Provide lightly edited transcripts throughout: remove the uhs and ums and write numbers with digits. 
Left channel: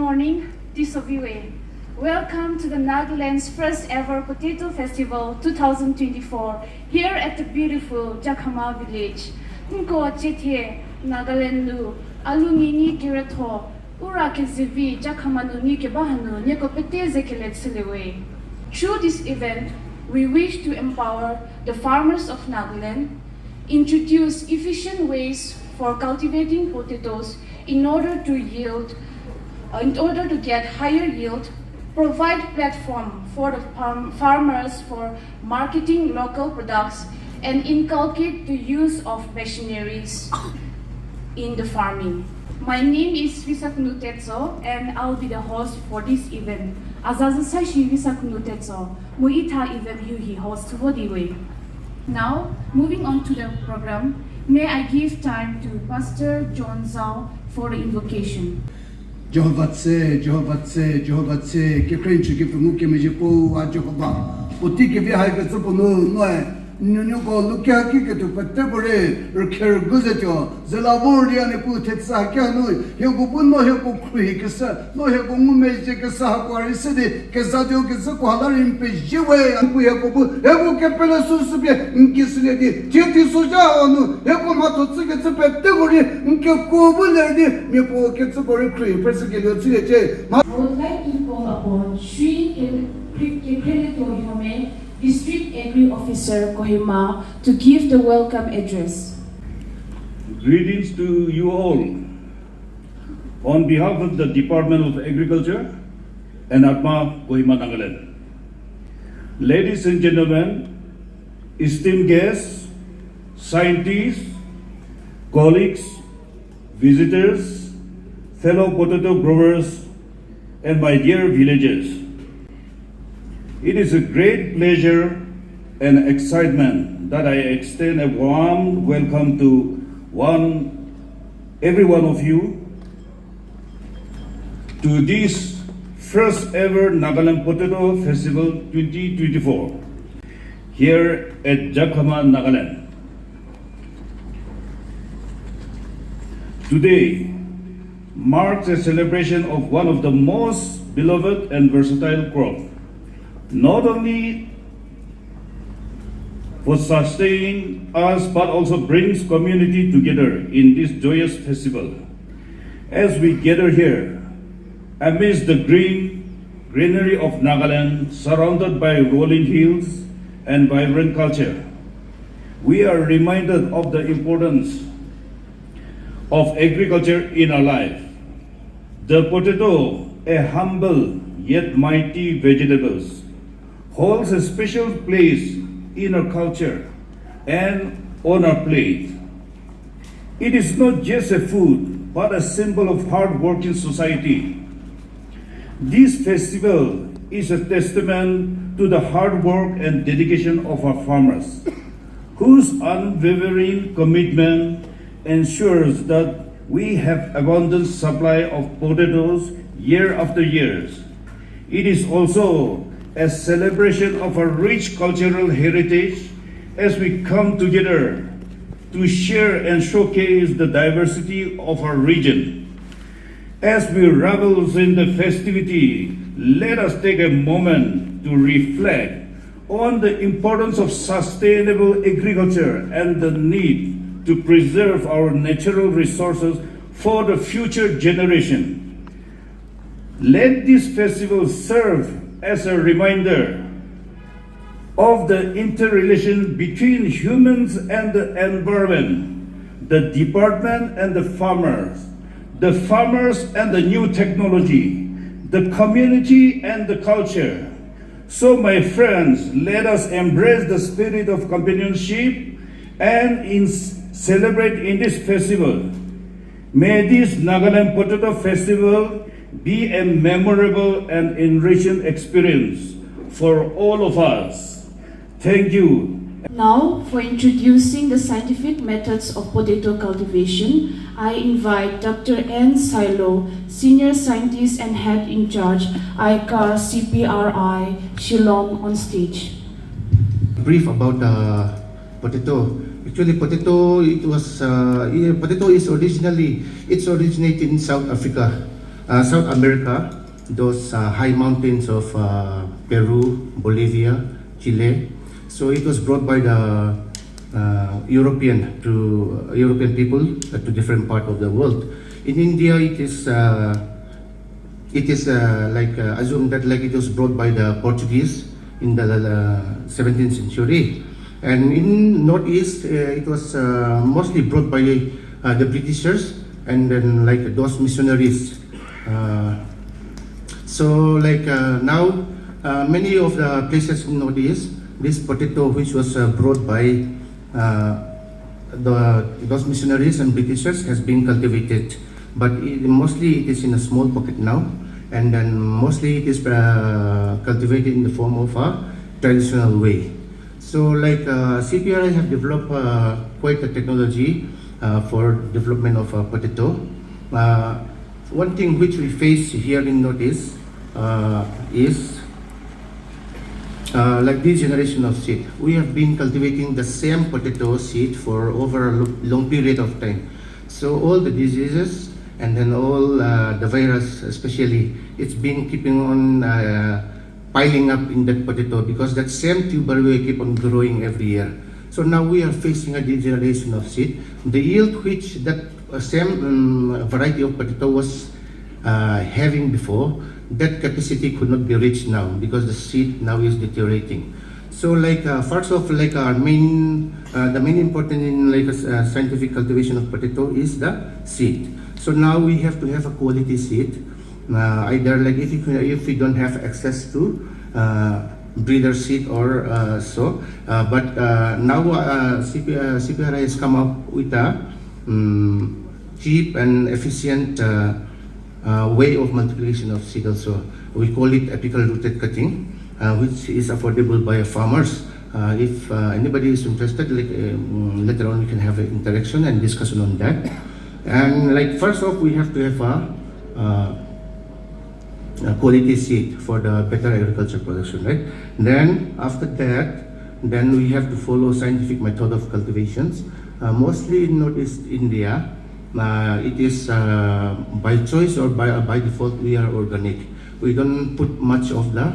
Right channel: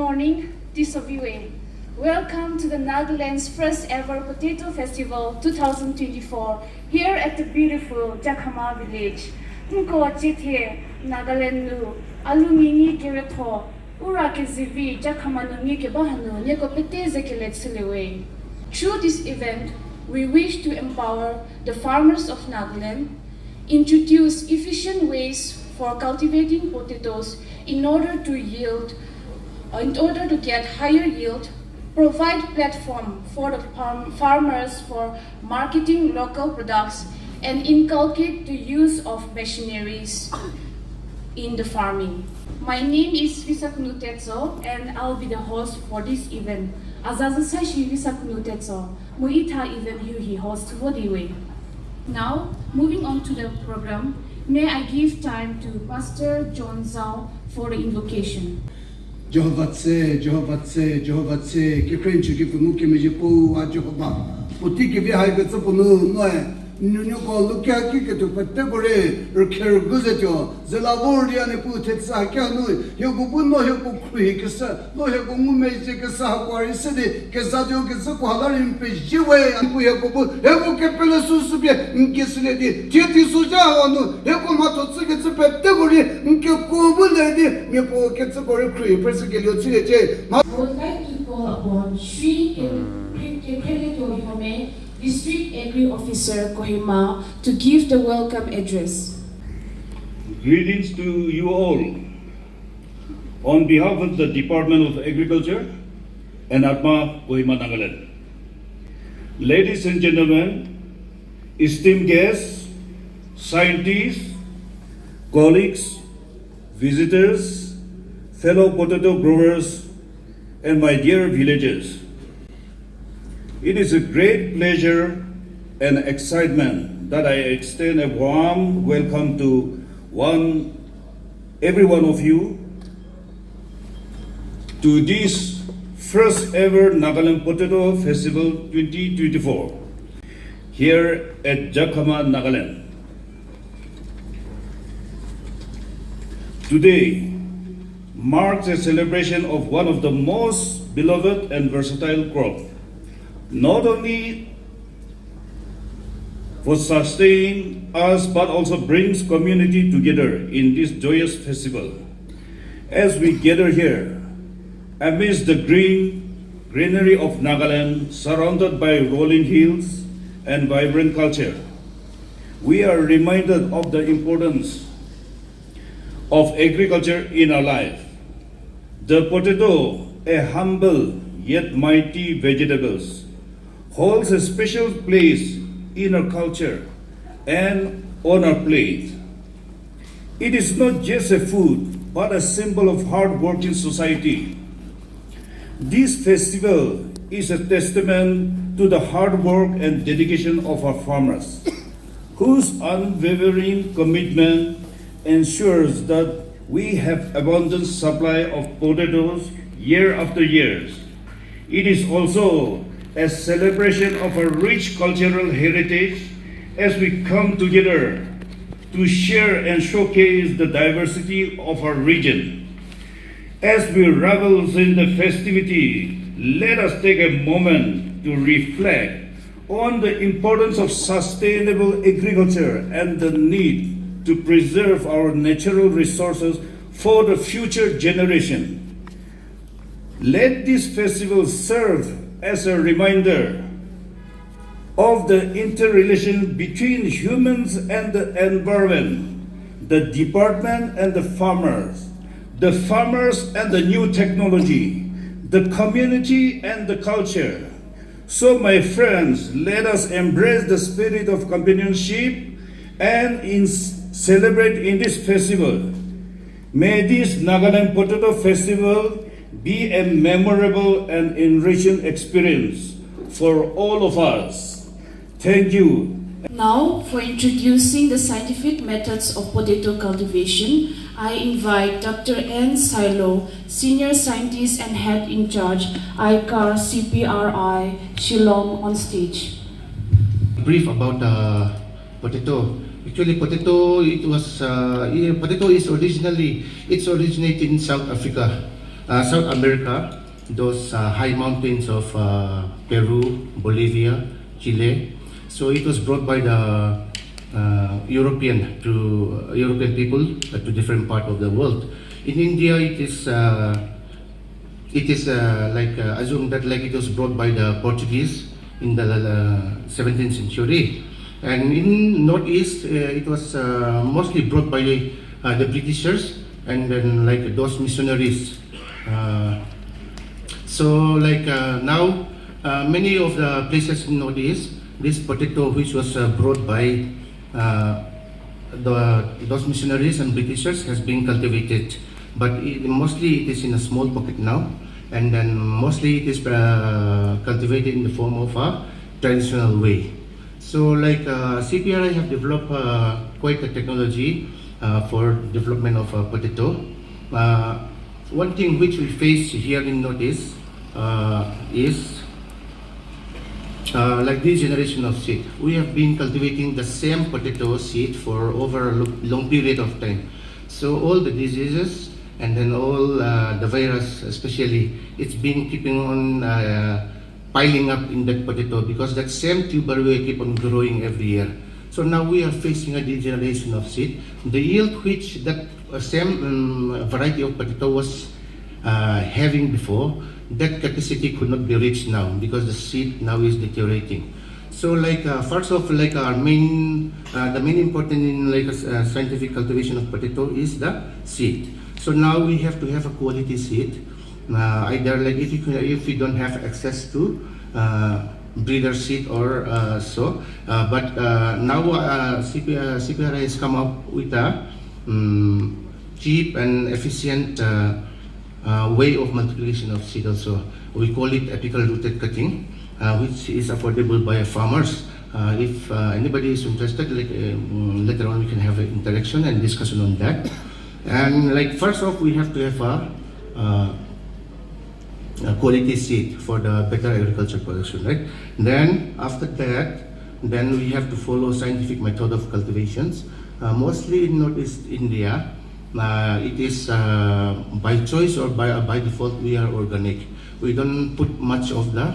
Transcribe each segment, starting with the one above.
morning, Tisovue. Welcome to the Nagaland's first ever Potato Festival 2024 here at the beautiful Jakhama village. Nko chithe Nagaland nu alungi kiratho ura ke zivi Jakhama nu ke bahanu ne ko peteze ke letselewe. Through this event, we wish to empower the farmers of Nagaland, introduce efficient ways for cultivating potatoes in order to get higher yield, provide platform for the farmers for marketing local products, and inculcate the use of machineries in the farming. My name is Visaknutetso and I'll be the host for this event. Azazasashi Visaknutetso, Mohita event yuhi host Hodiwe. Now, moving on to the program, may I give time to Pastor John Zhao for the invocation. Jehovah tse, kikrenchu kifungu kimejipo a Jehovah. Utiki vihai katsupuno noe. Nunuko lukia kikatu patebore rker guzetyo zelabori ane putetsa kyanu yokubuno yokukui kesa no yokumeje kesa hakwari sede kesadio kesako halarin pejiwe ampu yokubu yokukepele susubye nkisledi titi suja onu yokumato tsiketse patebore nkokubuledi mepo ketsabore krui persegelio tsuyeje. I would like to call upon Sri Kepele District Agri Officer Kohima to give the welcome address. Greetings to you all. On behalf of the Department of Agriculture and Atma Kohima Nagaland. Ladies and gentlemen, esteemed guests, scientists, colleagues, visitors, fellow potato growers, and my dear villagers. It is a great pleasure and excitement that I extend a warm welcome to every one of you to this first ever Nagaland Potato Festival 2024 here at Jakhama, Nagaland. Today marks a celebration of one of the most beloved and versatile crops, not only for sustaining us but also brings community together in this joyous festival. As we gather here amidst the greenery of Nagaland, surrounded by rolling hills and vibrant culture, we are reminded of the importance of agriculture in our life. The potato, a humble yet mighty vegetable, holds a special place in our culture and on our plate. It is not just a food, but a symbol of hard-working society. This festival is a testament to the hard work and dedication of our farmers, whose unwavering commitment ensures that we have abundant supply of potatoes year after year. It is also a celebration of our rich cultural heritage as we come together to share and showcase the diversity of our region. As we revel in the festivity, let us take a moment to reflect on the importance of sustainable agriculture and the need to preserve our natural resources for the future generation. Let this festival serve as a reminder of the interrelation between humans and the environment, the department and the farmers and the new technology, the community and the culture. So my friends, let us embrace the spirit of companionship and celebrate in this festival. May this Nagaland Potato Festival be a memorable and enriching experience for all of us. Thank you. Now, for introducing the scientific methods of potato cultivation, I invite Dr. N. Silo, Senior Scientist and Head in Charge, ICAR CPRI, Shillong, on stage. Brief about the potato. Actually, potato is originated in South Africa. South America, those high mountains of Peru, Bolivia, Chile. So it was brought by the European people to different part of the world. In India, it is assumed that like it was brought by the Portuguese in the 17th century, and in Northeast it was mostly brought by the Britishers and then like those missionaries. Now many of the places in Northeast, this potato which was brought by those missionaries and Britishers has been cultivated, but mostly it is in a small pocket now, and then mostly it is cultivated in the form of a traditional way. So like CPRI have developed quite a technology for development of potato. One thing which we face here in Northeast is like this generation of seed. We have been cultivating the same potato seed for over a long period of time. So all the diseases and then all the virus especially, it's been keeping on piling up in that potato because that same tuber will keep on growing every year. So now we are facing a degeneration of seed. The yield which that same variety of potato was having before, that capacity could not be reached now because the seed now is deteriorating. So like first of like our main, the main important in like scientific cultivation of potato is the seed. So now we have to have a quality seed. Either like if we don't have access to breeder seed or so, but now CPRI has come up with a cheap and efficient way of multiplication of seed also. We call it apical rooted cutting, which is affordable by farmers. If anybody is interested, like, later on we can have an interaction and discussion on that. And like first off, we have to have a quality seed for the better agriculture production, right? Then after that, then we have to follow scientific method of cultivations. Mostly in Northeast India, it is by choice or by default we are organic. We don't put much of the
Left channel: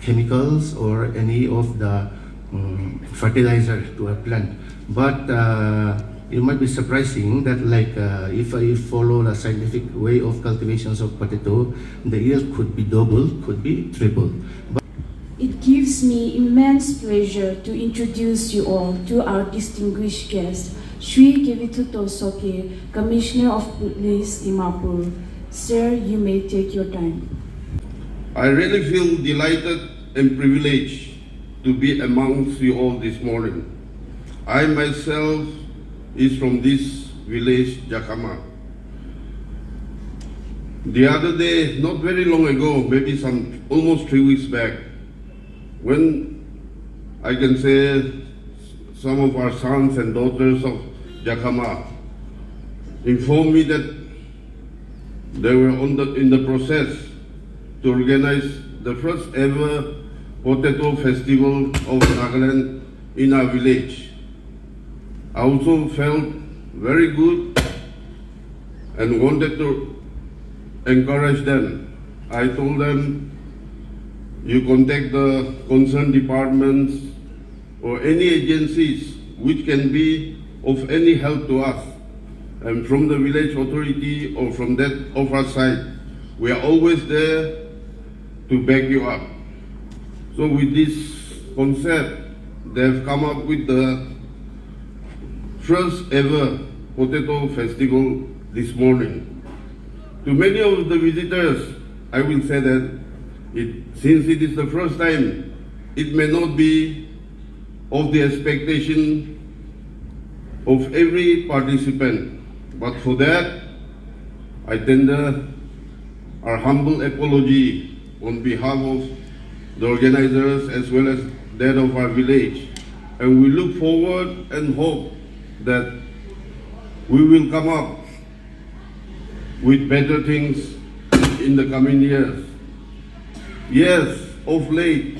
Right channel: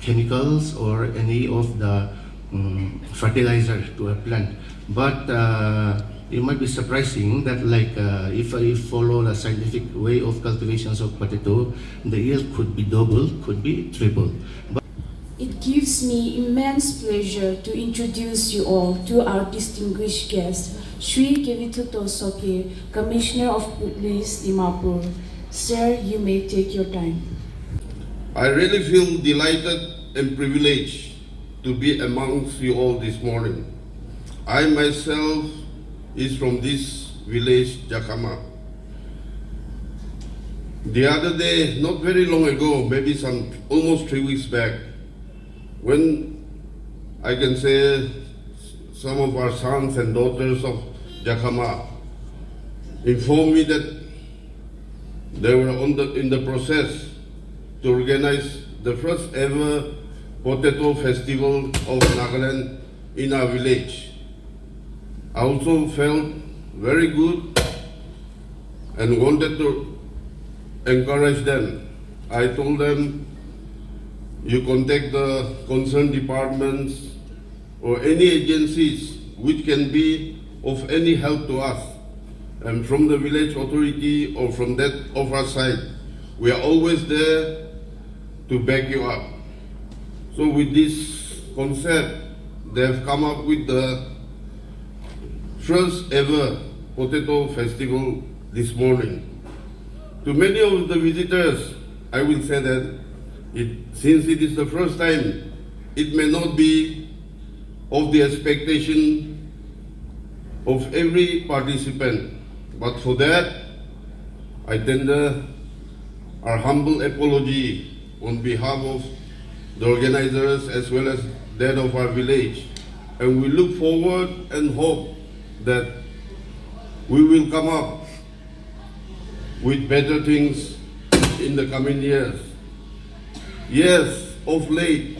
chemicals or any of the fertilizer to a plant. But it might be surprising that like if I follow the scientific way of cultivations of potato, the yield could be double, could be triple. It gives me immense pleasure to introduce you all to our distinguished guest, Sri Kevituto Soke, Commissioner of Police, Dimapur. Sir, you may take your time. I really feel delighted and privileged to be amongst you all this morning. I myself is from this village, Jakhama. The other day, not very long ago, maybe almost 3 weeks back, when I can say some of our sons and daughters of Jakhama informed me that they were in the process to organize the first ever potato festival of Nagaland in our village. I also felt very good and wanted to encourage them. I told them, you contact the concerned departments or any agencies which can be of any help to us. And from the village authority or from that of our side, we are always there to back you up. So with this concept, they have come up with the first ever potato festival this morning. To many of the visitors, I will say that since it is the first time, it may not be of the expectation of every participant. But for that, I tender our humble apology on behalf of the organizers as well as that of our village. And we look forward and hope that we will come up with better things in the coming years. Yes, of late,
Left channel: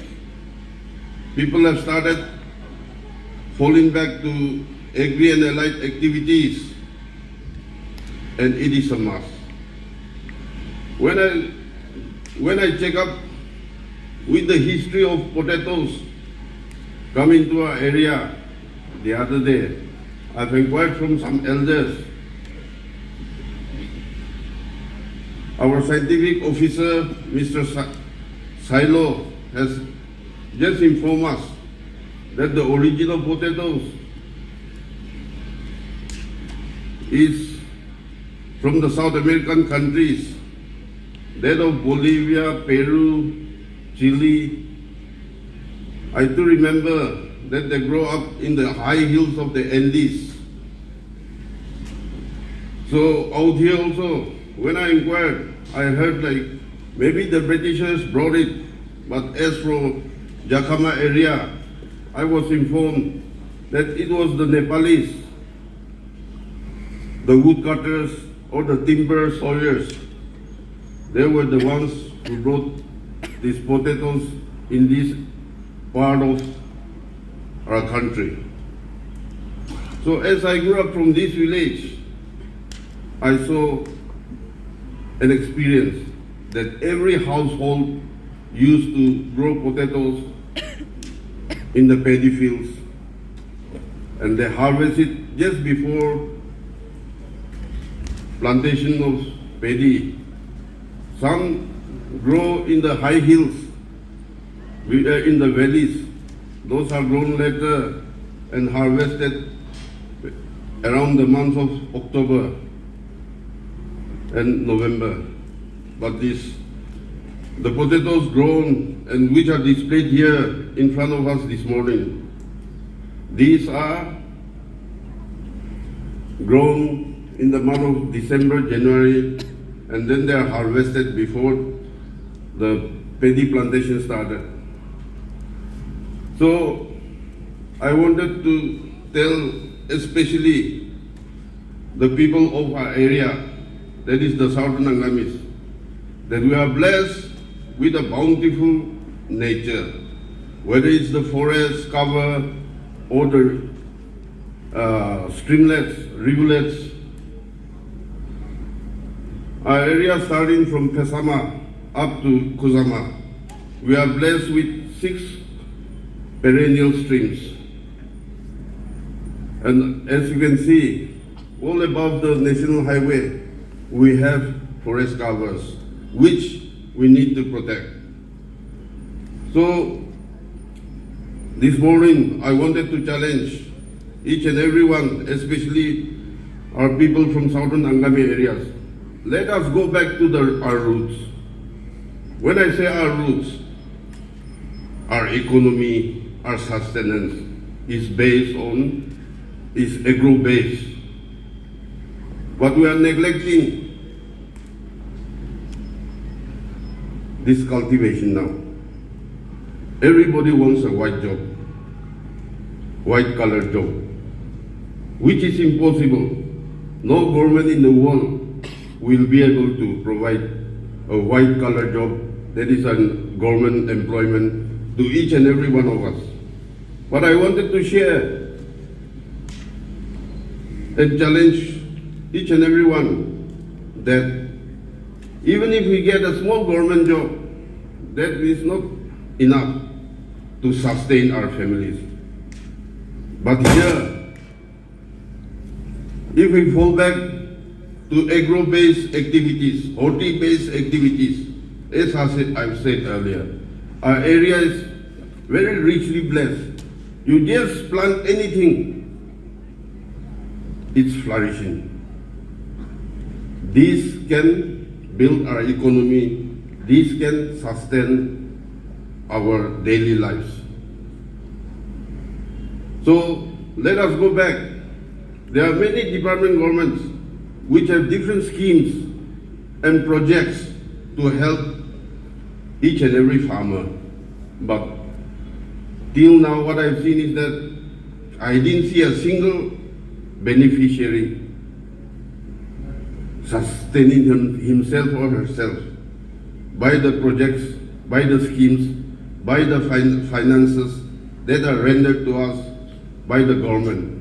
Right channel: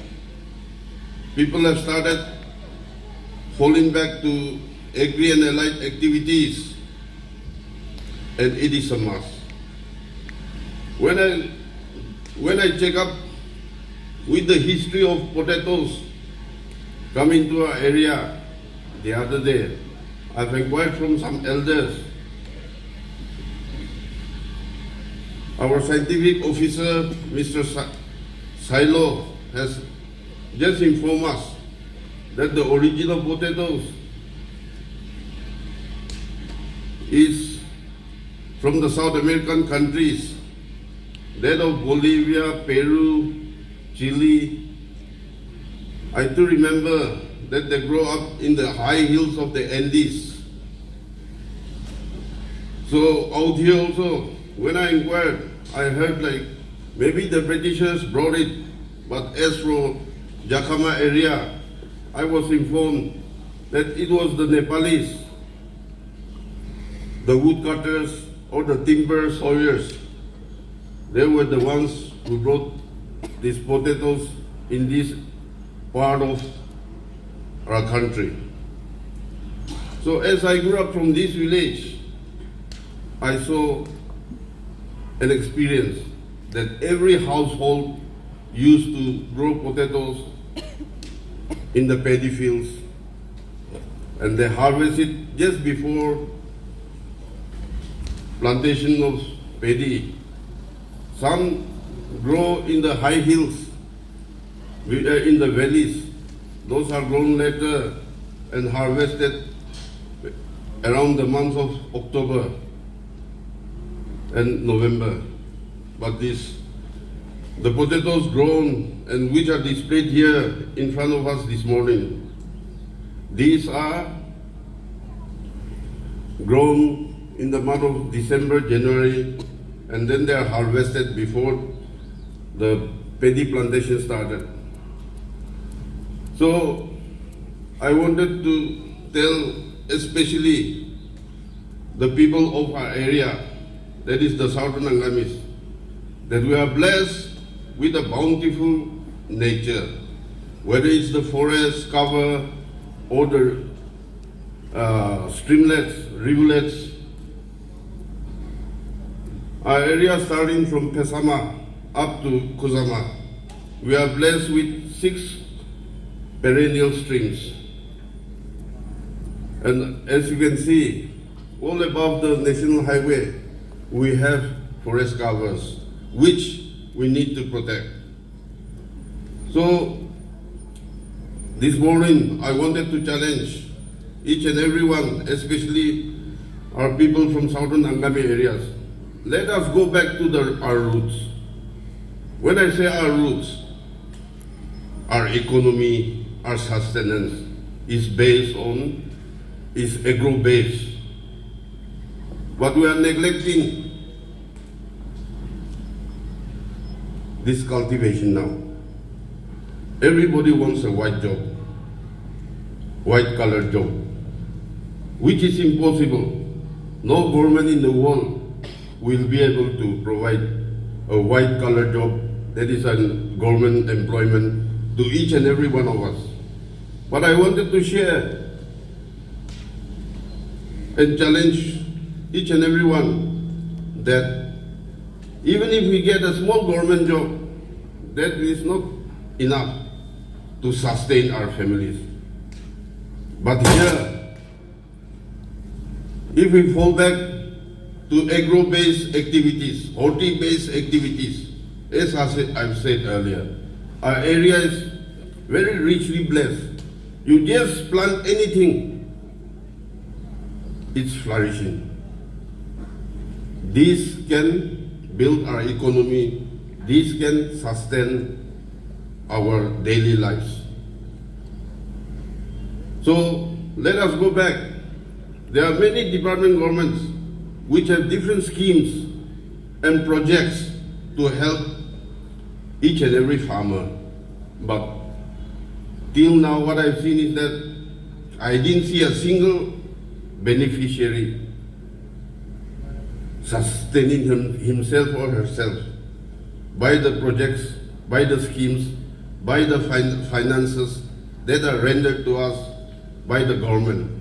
people have started falling back to agri and allied activities, and it is a must. When I check up with the history of potatoes coming to our area the other day, I've inquired from some elders. Our scientific officer, Mr. Silo, has just informed us that the original potatoes is from the South American countries, that of Bolivia, Peru, Chile. I do remember that they grow up in the high hills of the Andes. So out here also, when I inquired, I heard like maybe the Britishers brought it, but as for Jakhama area, I was informed that it was the Nepalese, the woodcutters or the timber sawyers. They were the ones who brought these potatoes in this part of our country. So as I grew up from this village, I saw an experience that every household used to grow potatoes in the paddy fields, and they harvest it just before plantation of paddy. Some grow in the high hills, in the valleys. Those are grown later and harvested around the month of October and November. But the potatoes grown and which are displayed here in front of us this morning, these are grown in the month of December, January, and then they are harvested before the paddy plantation started. So I wanted to tell especially the people of our area, that is the Southern Anglamis, that we are blessed with a bountiful nature, whether it's the forest cover or the streamlets, rivulets. Our area starting from Pesama up to Kuzama, we are blessed with 6 perennial streams. And as you can see, all above the national highway, we have forest covers, which we need to protect. So, this morning, I wanted to challenge each and everyone, especially our people from Southern Angami areas. Let us go back to our roots. When I say our roots, our economy, our sustenance is agro-based. But we are neglecting this cultivation now. Everybody wants a white job, white collar job, which is impossible. No government in the world will be able to provide a white collar job that is a government employment to each and every one of us. But I wanted to share and challenge each and every one that even if we get a small government job, that is not enough to sustain our families. But here, if we fall back to agro-based activities, horti-based activities, as I've said earlier, our area is very richly blessed. You just plant anything, it's flourishing. This can build our economy, this can sustain our daily lives. So let us go back. There are many department governments which have different schemes and projects to help each and every farmer. But till now what I've seen is that I didn't see a single beneficiary sustaining himself or herself by the projects, by the schemes, by the finances that are rendered to us by the government.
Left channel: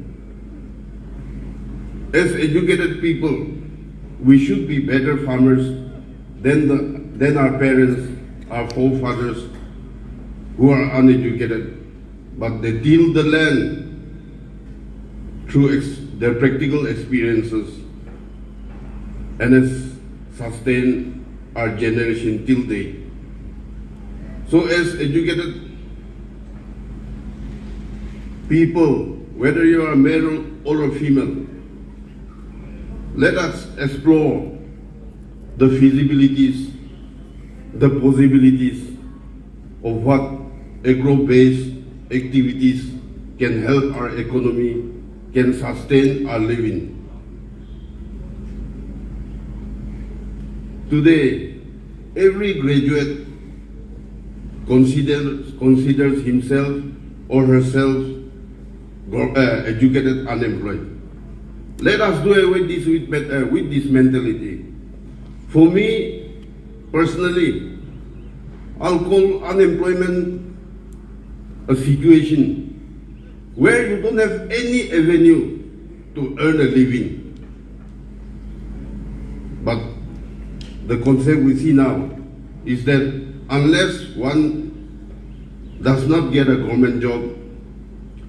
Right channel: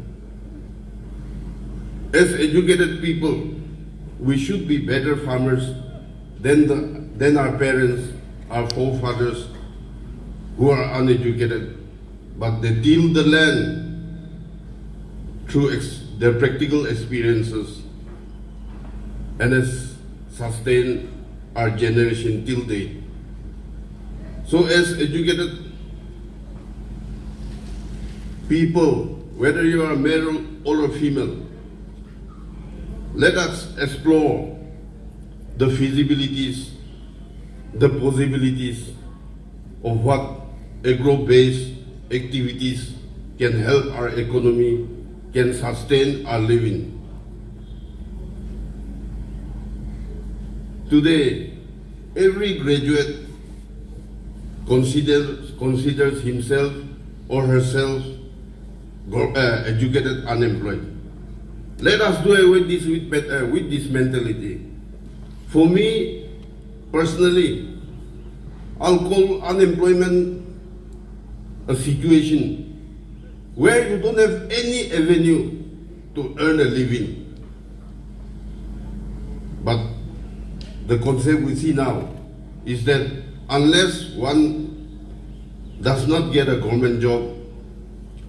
As educated people, we should be better farmers than our parents, our forefathers, who are uneducated, but they till the land through their practical experiences and has sustained our generation till date. So as educated people, whether you are male or a female, let us explore the feasibilities, the possibilities of what agro-based activities can help our economy, can sustain our living. Today, every graduate considers himself or herself educated unemployed. Let us do away with this mentality. For me, personally, I'll call unemployment a situation where you don't have any avenue to earn a living. But the concept we see now is that unless one does not get a government job,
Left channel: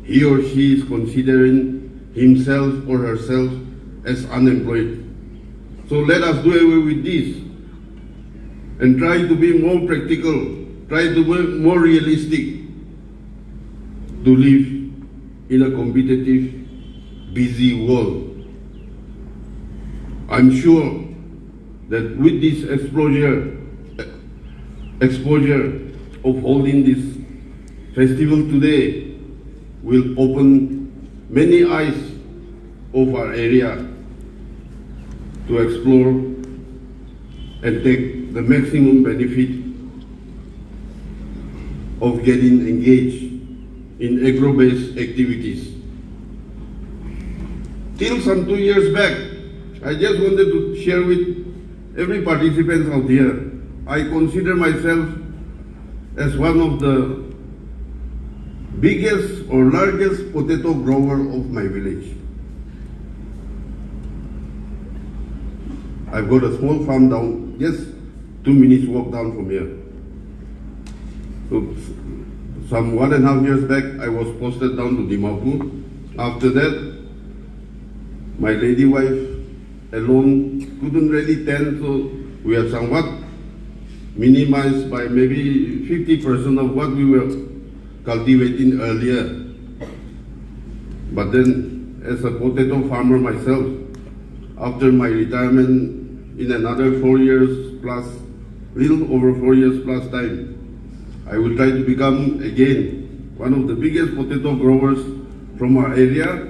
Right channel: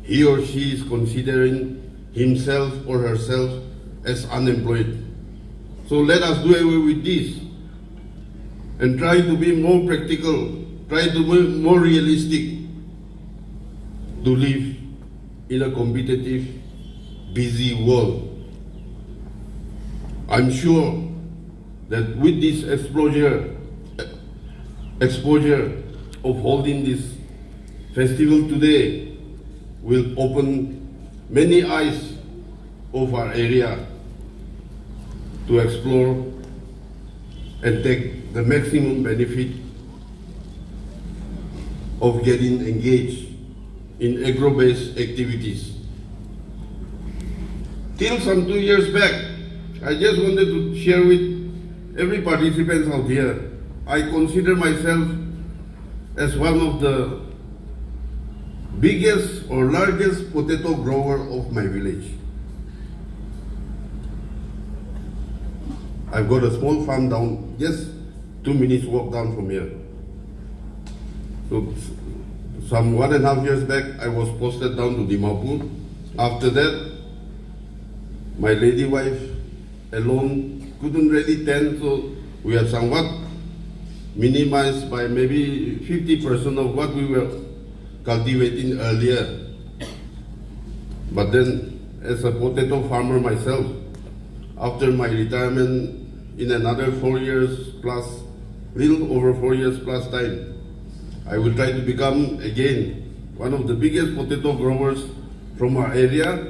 he or she is considering himself or herself as unemployed. So let us do away with this and try to be more practical, try to be more realistic, to live in a competitive, busy world. I'm sure that with this exposure of holding this festival today will open many eyes of our area to explore and take the maximum benefit of getting engaged in agro-based activities. Till some 2 years back, I just wanted to share with every participant out here, I consider myself as one of the biggest or largest potato grower of my village. I've got a small farm down, just 2 minutes walk down from here. So, some 1.5 years back, I was posted down to Dimapur. After that, my lady wife alone couldn't really tend, so we have somewhat minimized by maybe 50% of what we were cultivating earlier. But then, as a potato farmer myself, after my retirement in another 4 years plus, little over 4 years plus time, I will try to become again one of the biggest potato growers from our area.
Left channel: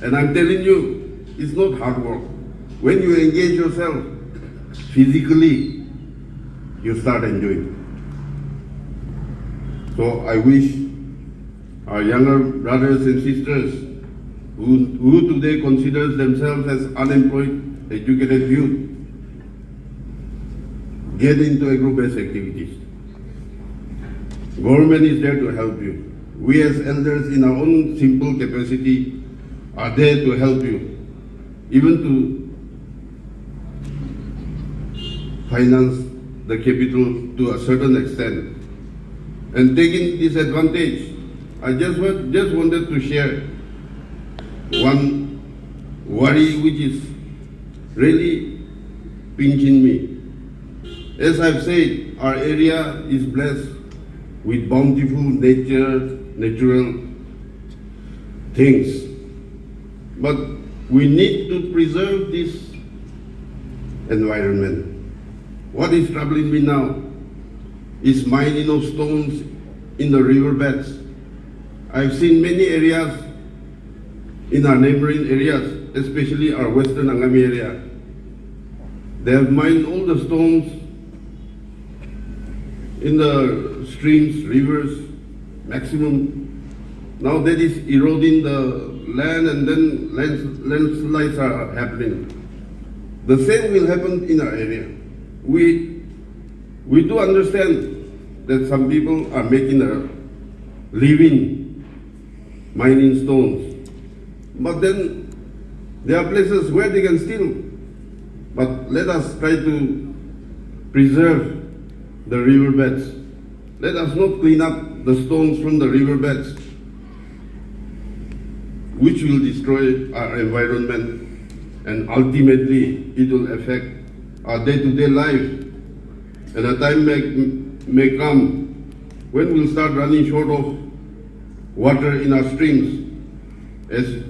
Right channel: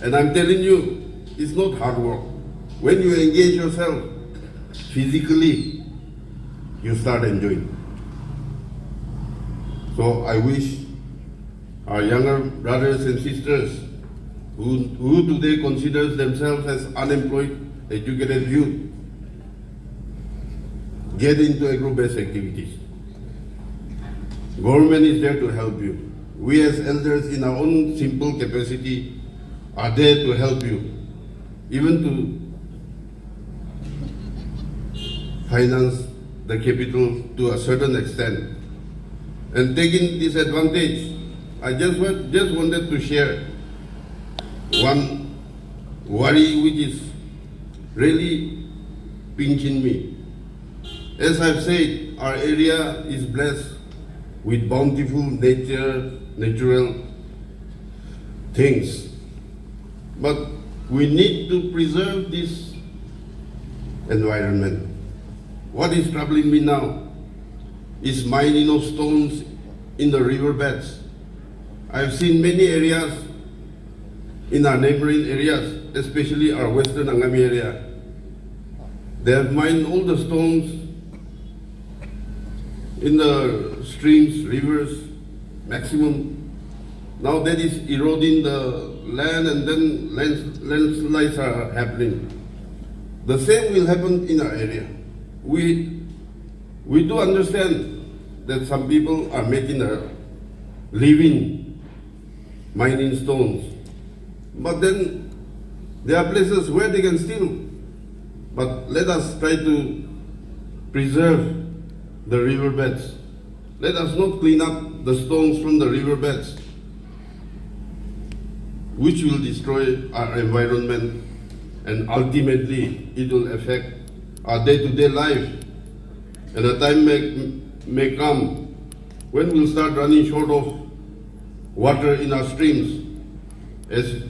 And I'm telling you, it's not hard work. When you engage yourself physically, you start enjoying. So I wish our younger brothers and sisters who today considers themselves as unemployed, educated youth, get into agro-based activities. Government is there to help you. We as elders in our own simple capacity are there to help you, even to finance the capital to a certain extent. And taking this advantage, I just wanted to share one worry which is really pinching me. As I've said, our area is blessed with bountiful natural things. But we need to preserve this environment. What is troubling me now is mining of stones in the riverbeds. I've seen many areas in our neighboring areas, especially our western Angami area. They have mined all the stones in the streams, rivers, maximum. Now that is eroding the land, and then landslides are happening. The same will happen in our area. We do understand that some people are making a living mining stones, but then there are places where they can steal. But let us try to preserve the riverbeds. Let us not clean up the stones from the riverbeds, which will destroy our environment, and ultimately it will affect our day-to-day life. And a time may come when we'll start running short of water in our streams, as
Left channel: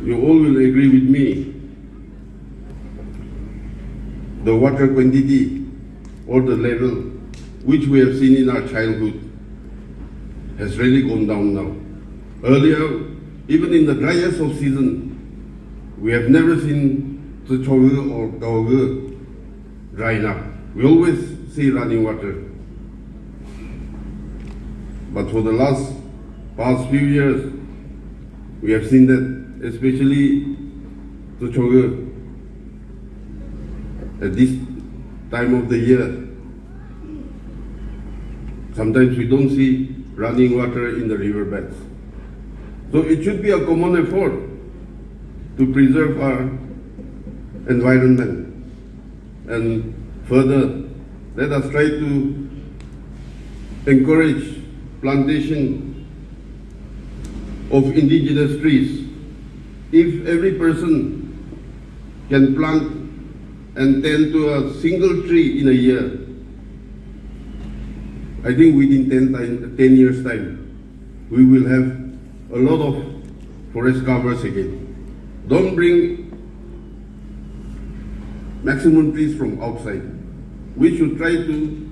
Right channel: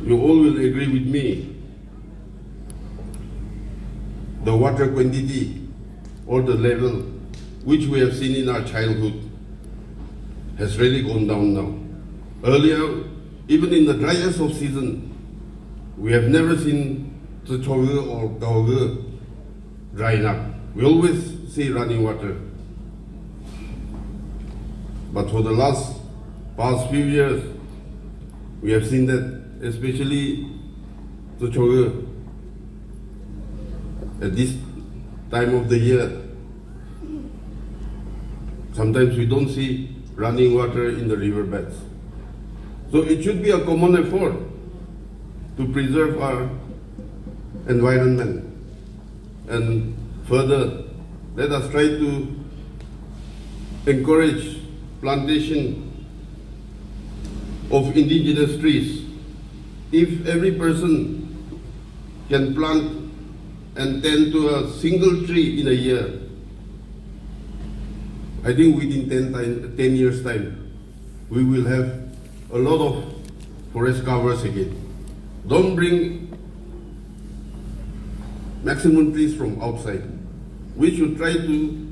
you all will agree with me. The water quantity or the level which we have seen in our childhood has really gone down now. Earlier, even in the driest of season, we have never seen Tsuchogu or Gaogu drying up. We always see running water. But for the past few years, we have seen that, especially Tsuchogu, at this time of the year, sometimes we don't see running water in the riverbeds. So it should be a common effort to preserve our environment. And further, let us try to encourage plantation of indigenous trees. If every person can plant and tend to a single tree in a year, I think within 10 years' time, we will have a lot of forest covers again. Don't bring maximum trees from outside. We should try to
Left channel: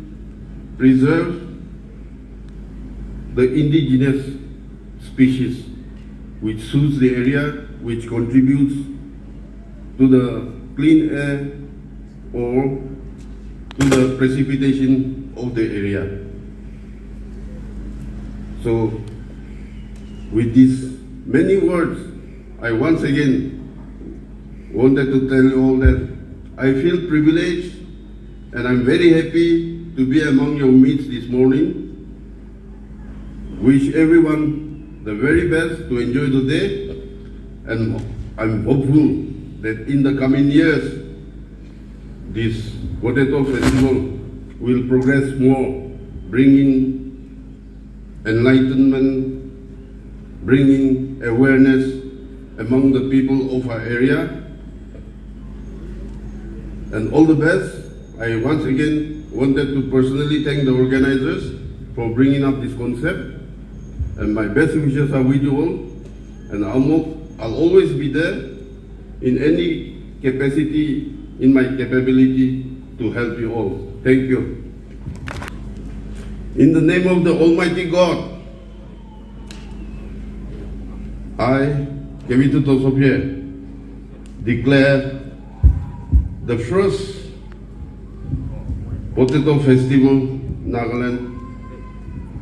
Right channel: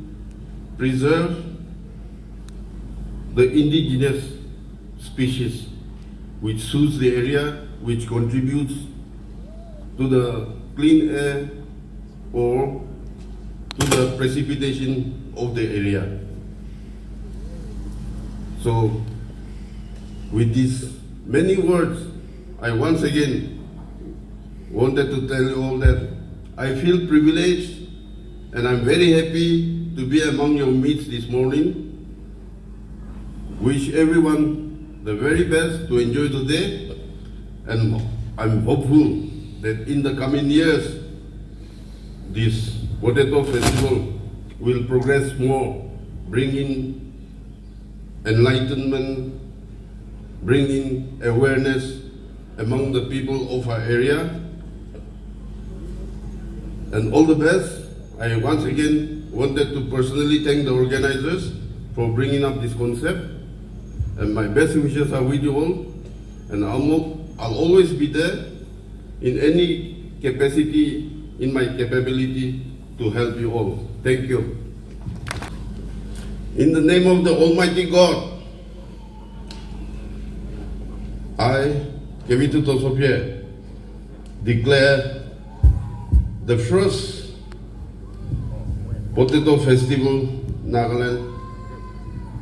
preserve the indigenous species which suits the area, which contributes to the clean air or to the precipitation of the area. So, with these many words, I once again wanted to tell you all that I feel privileged and I'm very happy to be among your midst this morning. Wish everyone the very best to enjoy the day, and I'm hopeful that in the coming years, this potato festival will progress more, bringing enlightenment, bringing awareness among the people of our area. And all the best. I once again wanted to personally thank the organizers for bringing up this concept. And my best wishes are with you all. And I'll always be there in any capacity, in my capability to help you all. Thank you. In the name of the Almighty God, I, Kevito Tosopye, declare the first Potato Festival Nagaland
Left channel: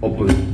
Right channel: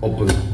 open.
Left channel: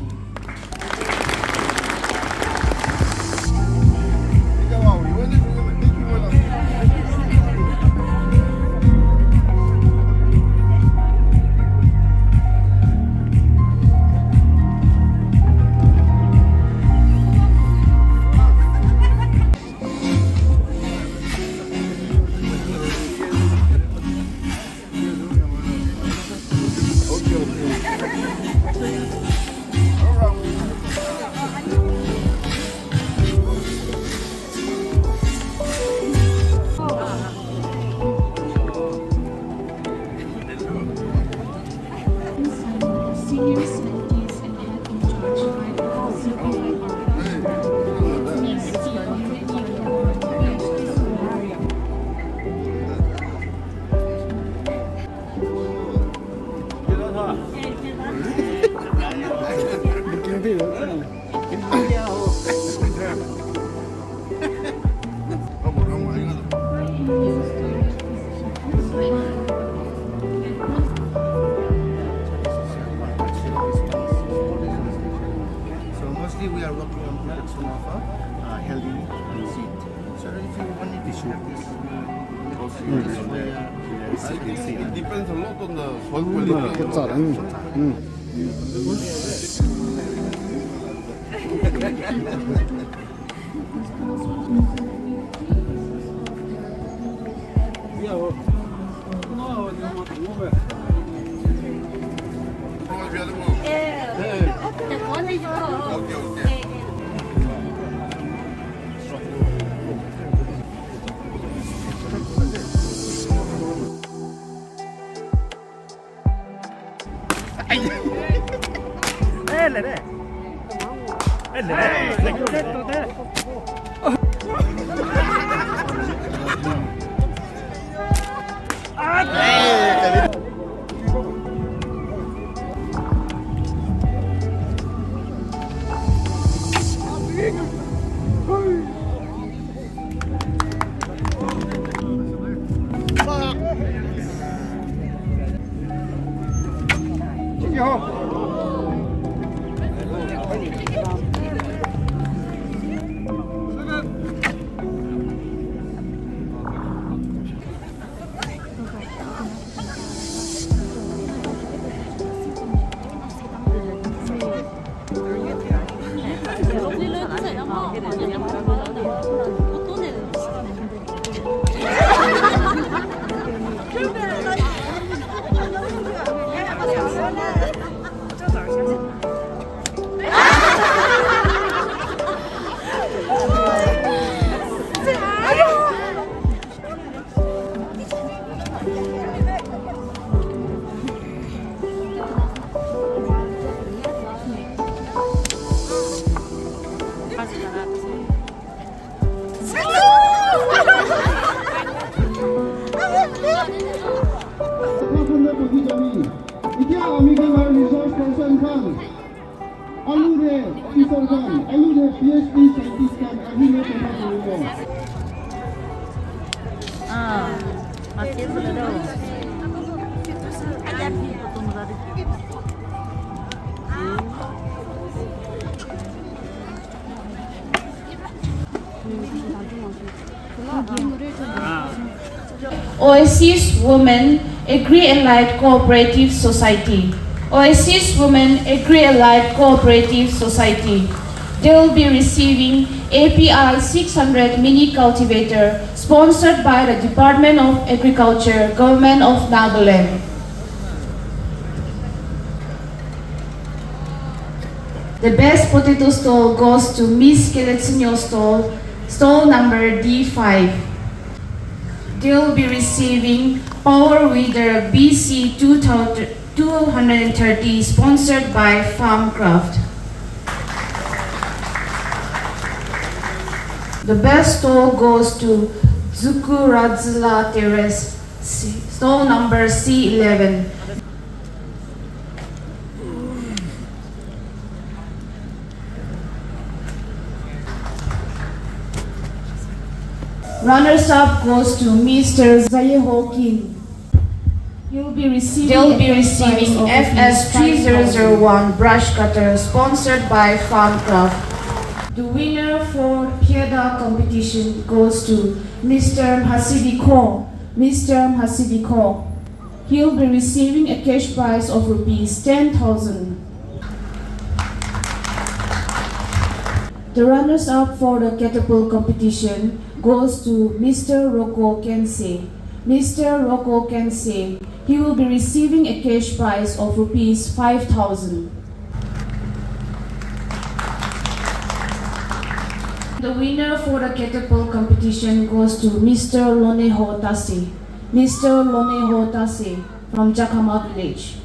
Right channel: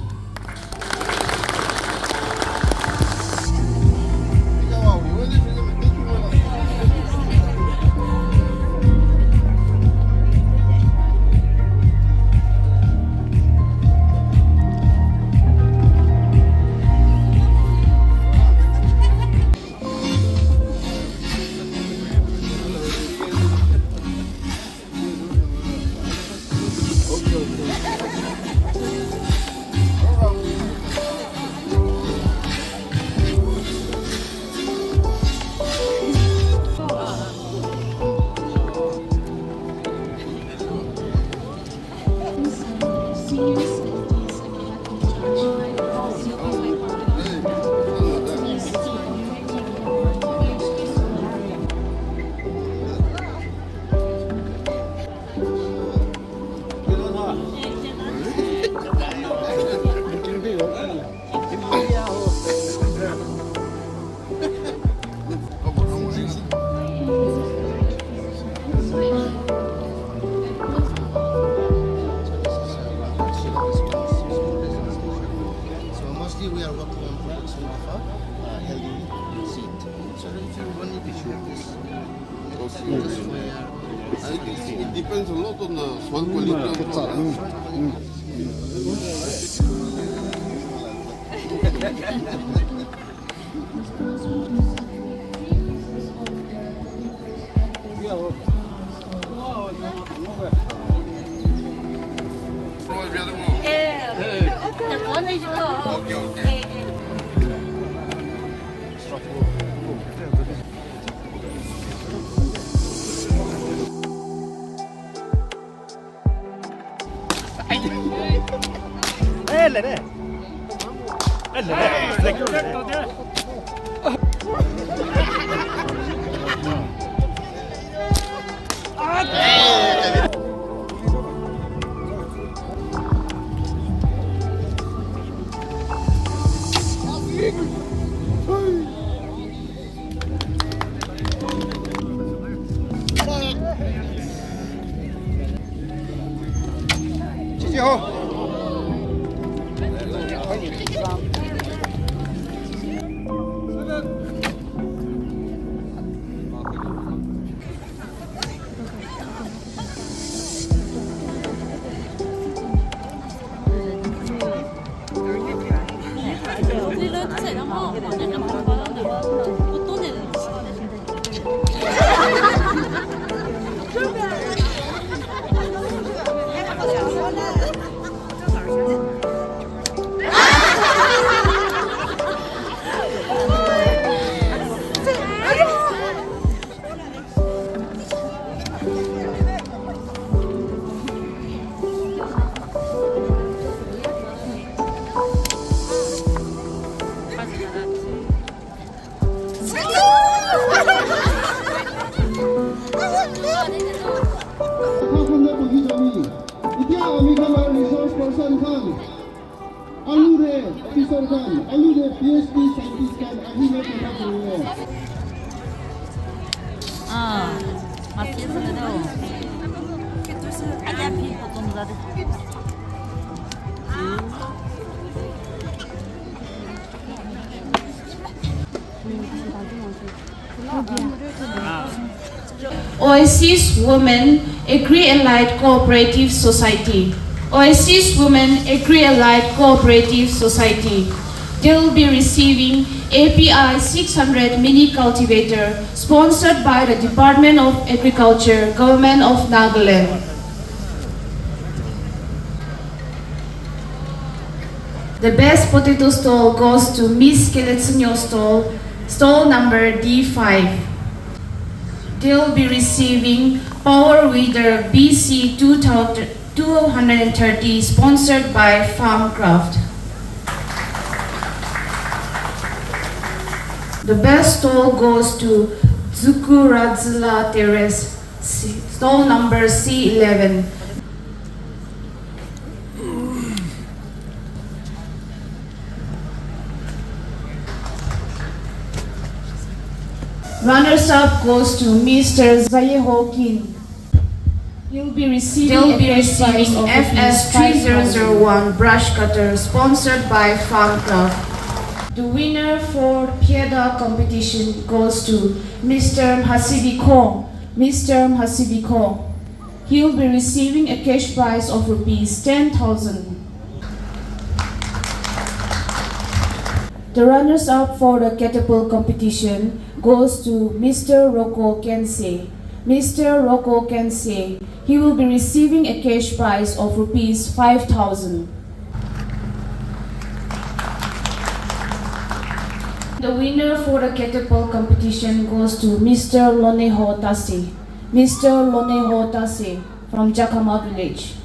We are working on production of a healthy seed. So if you want me to share this, just for your... It depends a lot on the soil quality of the product. Oasis Women Agri-Allied Cooperative Society. Oasis Women Agri-Allied Cooperative Society. They'll be receiving API 600 mini cultivator sponsored by the Department of Agriculture, Government of Nagaland. The best potato stall goes to Miss Keletsinyo stall, stall number D5. They'll be receiving Power Weeder BC 230 sponsored by Farmcraft. The best stall goes to Zukuradzla Terrace, stall number C11. Runners-up goes to Mr. Zayeho Kim. They'll be receiving FS 3001 brush cutter sponsored by Farmcraft. The winner for Pieda competition goes to Mr. Hasibiko. Mr. Hasibiko. He'll be receiving a cash prize of rupees 10,000. The runners-up for the catapult competition goes to Mr. Rocco Kensei. Mr. Rocco Kensei. He will be receiving a cash prize of rupees 5,000. The winner for the catapult competition goes to Mr. Loneho Tase. Mr. Loneho Tase from Jakhama village.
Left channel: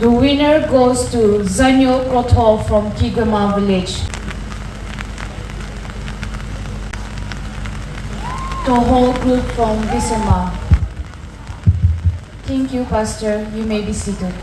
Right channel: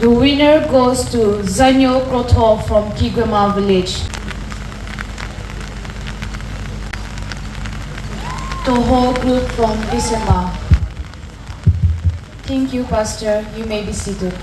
The winner goes to Zanyo Kroto from Kigama village. Toho group from Visema. Thank you, Pastor. You may be seated.